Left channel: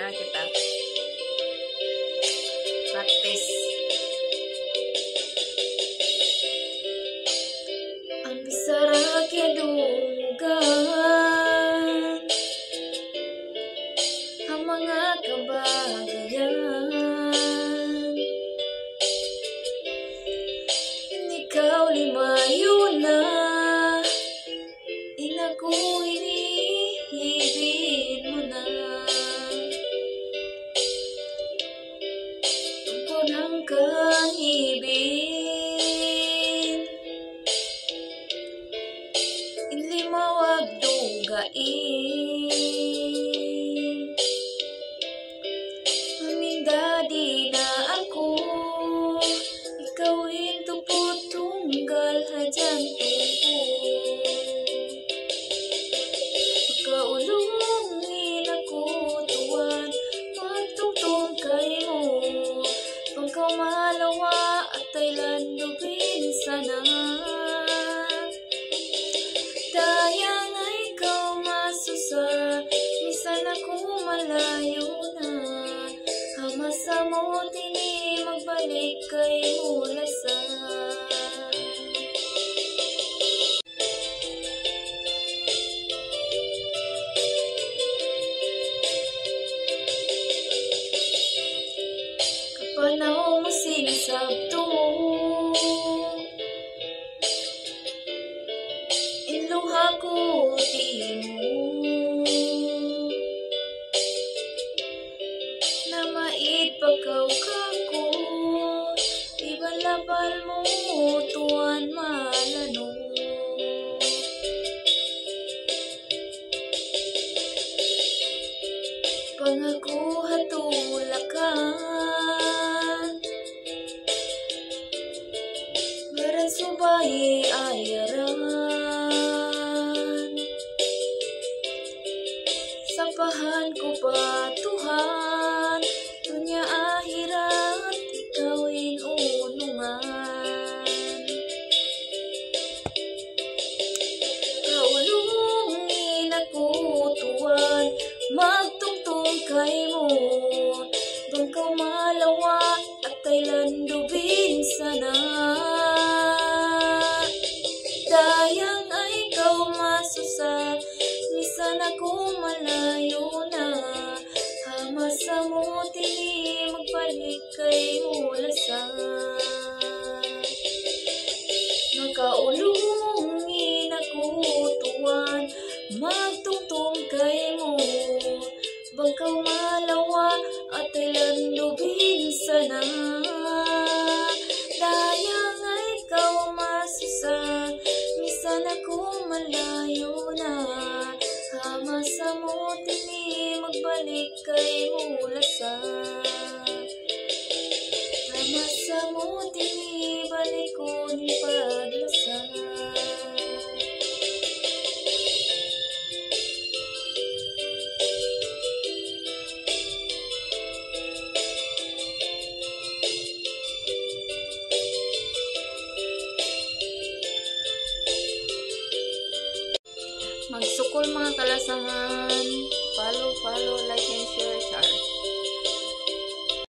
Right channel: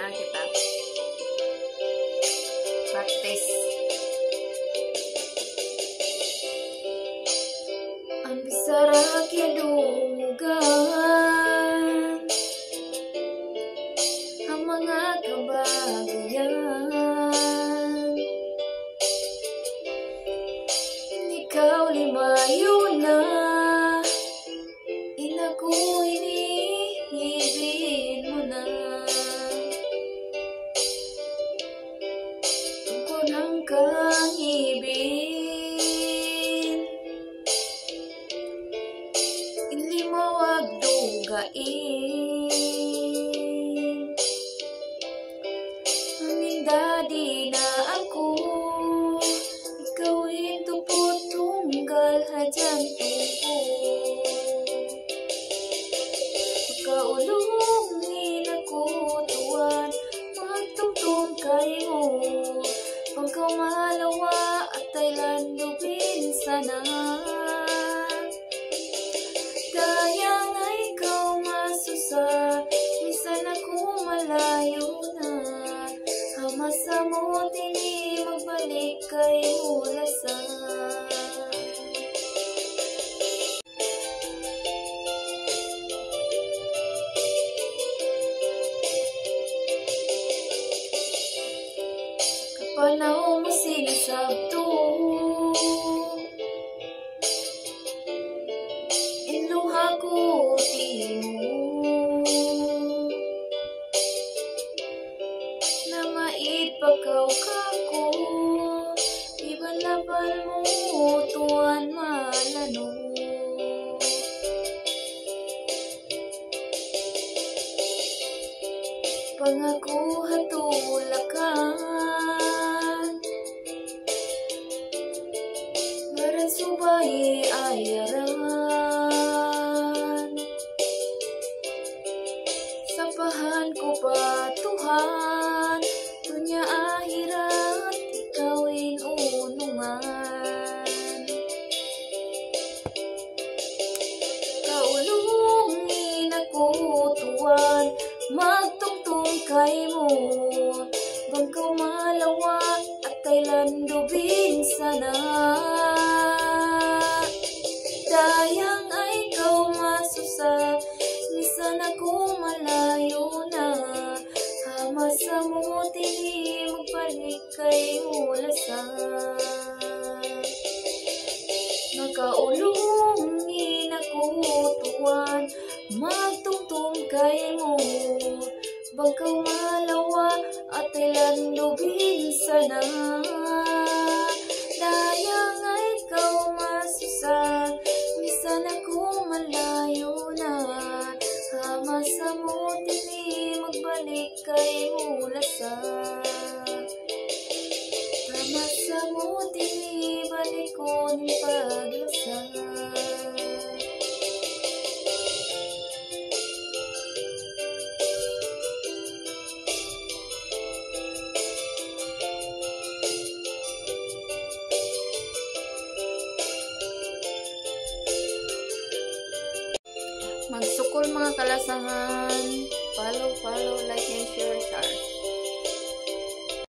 na kita. Practice. Ang bisara kidugan, ang mga kababayan, ikaw limayo na, inaku inihibin mo na. Tungkol ng kahibin, ilimawag dugain, amindadi na ako, ikaw intupot tunggal hadyan tungko. Kaulungin ako tuwan, magtungtong kay mo, pangkaw malawa at Thailand lubin sana. Dayang ay ikaw masusa, minsan ako malayo na, hamasa mo tini magbalik kay mulasa. Kapanaw mo sinisabto, iluha ko timo, na maipakaw kako, ibalabal mo tuwan malano. Pangako hatulakan, meron subay ayaran, sampahan ko pa Tuhan, dunya ahirat ikaw inunungan. Kaulungin ako tuwan, magtungtong kay mo, bangkaw malawa at Thailand lubin sana. Dayang ay ikaw masusa, misan ako malayo na, hamasa mo tini magbalik kay mulasa. Nakaulungin ako tuwan, magtungtong kay mo, bangkaw malawa at Thailand lubin sana. Dayang ay ikaw masusa, misan ako malayo na, hamasa mo tini magbalik kay mulasa. Hamasa mo tini balik ko ni paglasa. Magsukol mga kalasangan, follow, like and share.